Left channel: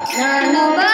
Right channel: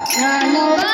Pranab